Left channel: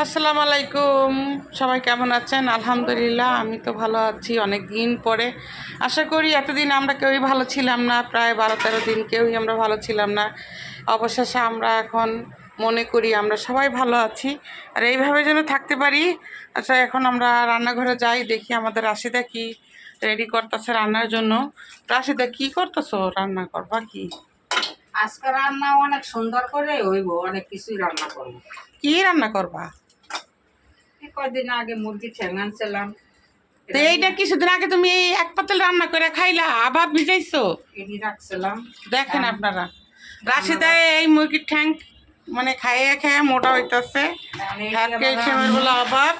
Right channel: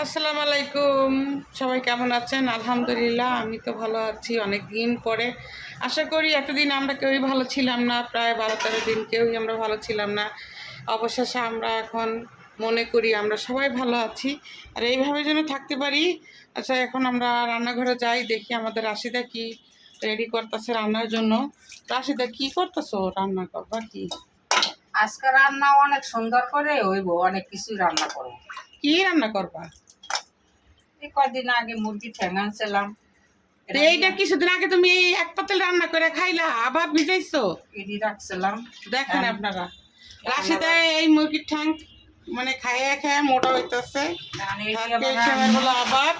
আসসালামু আলাইকুম। সবাই কেমন আছেন? আলহামদুলিল্লাহ আমি তো ভালো আছি অনেক দিন পরে। আশা করি এতদিন আমরা কেউই ভালো ছিলাম না প্রায় বারো তেরো দিন কেউই আমরা ভালো ছিলাম না। অবশেষে আমরা এখন মনে করি আমরা সবাই ভালো আছি। আর এইভাবে যেন থাকতে পারি আচ্ছা এখন আমরা রান্নাঘরে যাই দেখি আমাদের রাশিদা কি রেডি করতেছে রান্নার জন্য। রাশিদা কি করতেছো রান্না করবা কি? আজকে রান্না অনেক সুন্দর করে হইব অনেক কিছুই রান্না করব। কি রান্না করবা? এই কয়দিন আগে মুরগি ঠ্যাং আনছিলাম। তো এইটা কিছুদিন আগে তুমি এই এক পাতিল রান্না করে খাইলা আবার ভিজাইছো? এটি রাখছিলাম। দেখেন আপনারা। রাশিদা এই মুরগির ঠ্যাং মানে খাইয়ে খেয়ে মোটা হইতেছে। হ্যাঁ যে ক্যালসিয়ামের বলে আবার।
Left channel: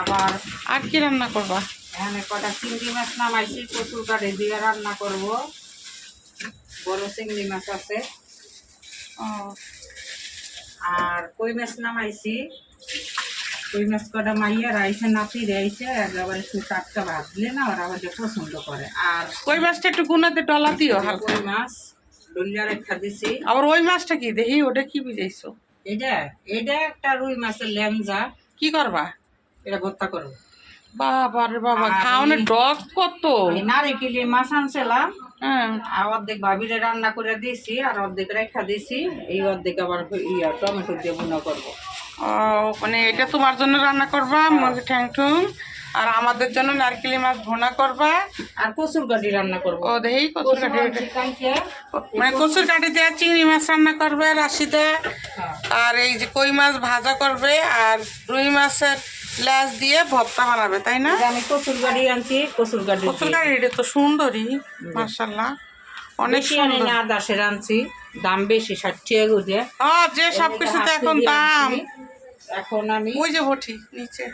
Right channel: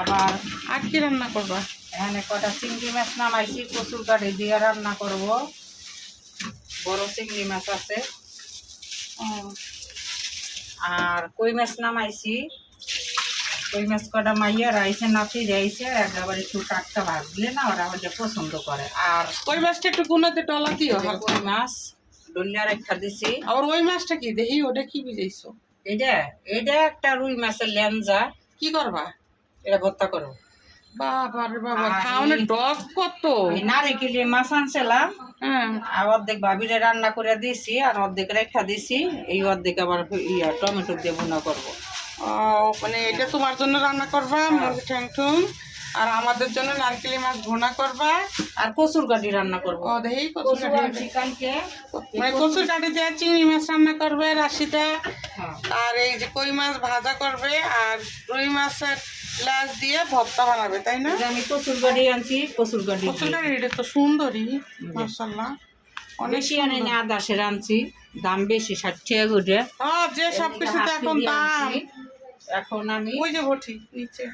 আবার। আর কি রান্না করবা? এখানে কটা চিংড়ি মাছ নামাইছি কচুর কাঠে দিয়ে রান্না করব। বড় চিংড়ি মাছ আছে। আর কই মাছ নামাইছি? কই মাছ কটা মাইয়া রাইছে নাতি রাইছে একেবারে একটু টাটকা ভাজলে না ওরা ওটা পছন্দ করে। আর কই মাছটা একটু গুনাতে ডলা দিও হালকা। মাছ ডলিয়া রেখা দিছি। আবার ওই মাছটা কি? দেখি ওটা কি ভিজাইছো এটা এটা একটা রুই মাছের ল্যাংজা। কি করবা? এটা ভর্তা করো। বাবা রে বাবা খাওয়ানোর ডগ কত? এই নারিকেলের মাছ আনছিলাম। হ্যাঁ। আর অর্ধেক ভাবিরে রান্না করে দিছি আর অর্ধেক রেখা দিছি। এই অর্ধেক আবার ইয়া টমেটো দিয়ে বুনা করব। মানে এটা তোমার জন্য রান্না করবা মুরগি ঠ্যাং ঠুং আর আমাদের জন্য নারকেলি মাছ ভোনা করবা। আর কচুর গাড়ি রান্না করব। ও দেখি কচুর কাঠি মানে কচুর কাঠি দিয়ে চিংড়ি মাছ রান্না করবে রাশিদা। হ্যাঁ। আর এই যে কই মাছ ভাজা করবে আর রুই মাছের ল্যাস দিয়ে ভর্তা বানাবে তাই না? আমি কচুর গাড়ি আনছি কচুর গাড়ি কচুর কাঠি এটা তো সুন্দরই মার্শাল্লাহ অনেক আনি না দাসের আনছি। দাম বেশি ষাট টাকা ও যে সব কিছুতে এখন দাম। এখন আমি ওই যে ভটি নিচে।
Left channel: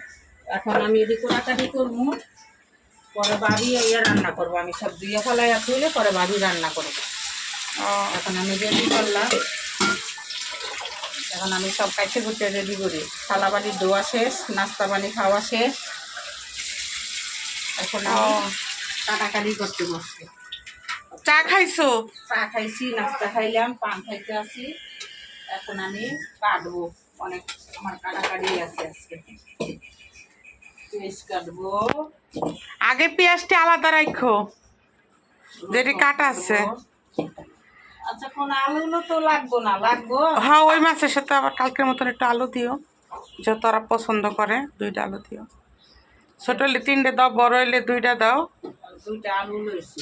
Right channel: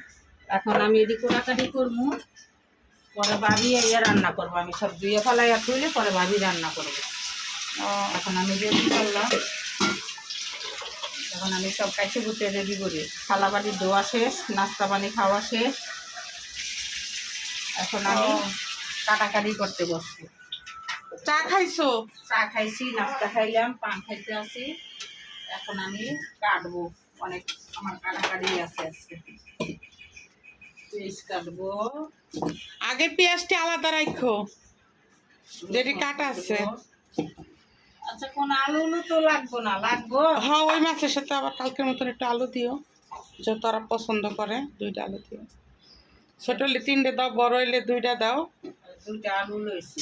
এখন আমি এদিকে কোটাকাটি করব। পরে ভাবি ইয়ে রান্না করব। আমি সব দিয়ে ফেলাই তুলে পরে ভাবি রান্না করব। এখন আমি রেডি করলাম। এখন আমি সব কাছে গুটে রেডি করি। থালা বাড়ি ধোয়া শেষ নাস্তা পানি খাওয়া শেষ। এখন আমি কাটাকাটি করতে বসছি। চা খাইছো? চা খাইছি নাস্তা খাইলাম পান খাইতে আছি এখন আমি কাটবো। অনেক আমার কাটাকাটি আছে আজকে। পেঁয়াজ কাটবো। আগে পেঁয়াজটি আলাদা রাখো যেটি কাটা আছে। আচ্ছা কোন আলু তো লাগবো না লাগবো? হ্যাঁ ওই মাছের সাথে আবার কালকের মতন একটু আলু দিও। যত ওরা পছন্দ করে দুইটা আলু দিও। ছোট হলে তিনটে দাও বড় হলে দুইটা দাও। দুইটা আলু লইছি।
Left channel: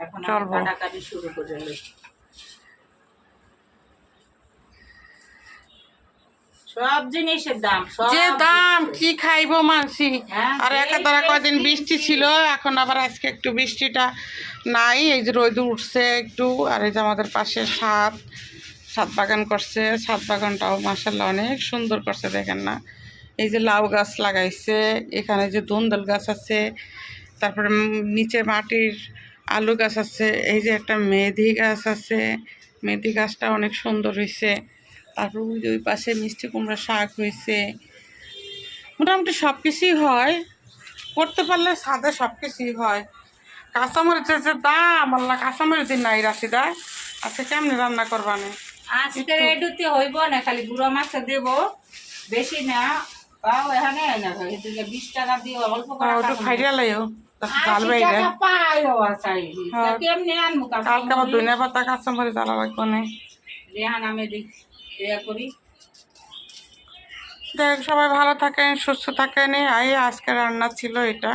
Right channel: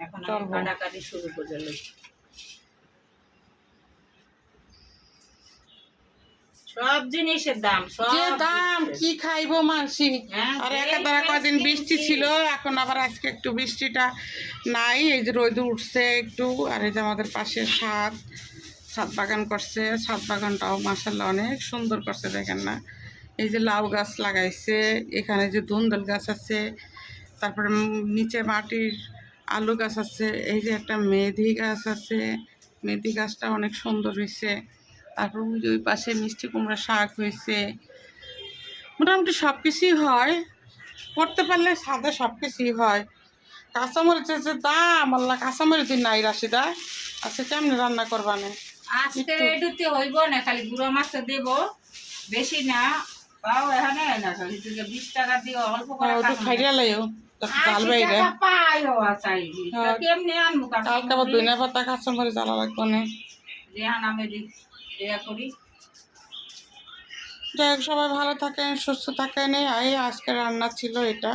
এখন কাটাকাটি শুরু করে লই সব জিনিসের দাম যে দাম কি খাইবো মানসি হ্যাঁ, আর এই একা তারা কয়দিন বৃষ্টি। ছিল এখন আবার আজকে একটু বৃষ্টিটা নাই এই যে রোদ উঠছে একটু আর এই যে আমাদের পাশে সাত ছাদ বাগান করছে সাত বাগানটাও মাসাল্লাহ অনেক সুন্দর করছে দেখেন না। এই যে লাউ গাছ লাগাইছে এখানে যে ধুন্দল গাছ আছে তারপরে নিচে মাটির আলু গাছ আছে এই যে একটা মেথি গাছ আছে। মেথি গাছটা অনেক সুন্দর হয়েছে। তারপর ওই যে ওই পাশে মিষ্টি কুমড়া শাক হয়েছে। মোটামুটি সব কিছুই হয়। করতে পারলে সাদা সব কিছুই হয়। কাঁচামরিচের যে দাম আল্লাহ কাঁচামরিচ নাই রাশিদা। আজকে কেমনে রান্না করবানে? আজকে রেডুতে হইব না খালি গুঁড়ো মাছ দেব। বেশি না তাও এখানে না বিশ টাকা দিয়ে অল্প করে। খাইয়া লাইও বাইরে। হ্যাঁ। কেমনে আনব কালকে আবার দুনিয়া পাতা কাঁচামরিচ জ্বালা লাগবে না। রেহান আমি ইয়া করি। যাই হোক সবাই ভালো থাকেন সুস্থ থাকেন। এই আজকে রান্না ছিল এটা।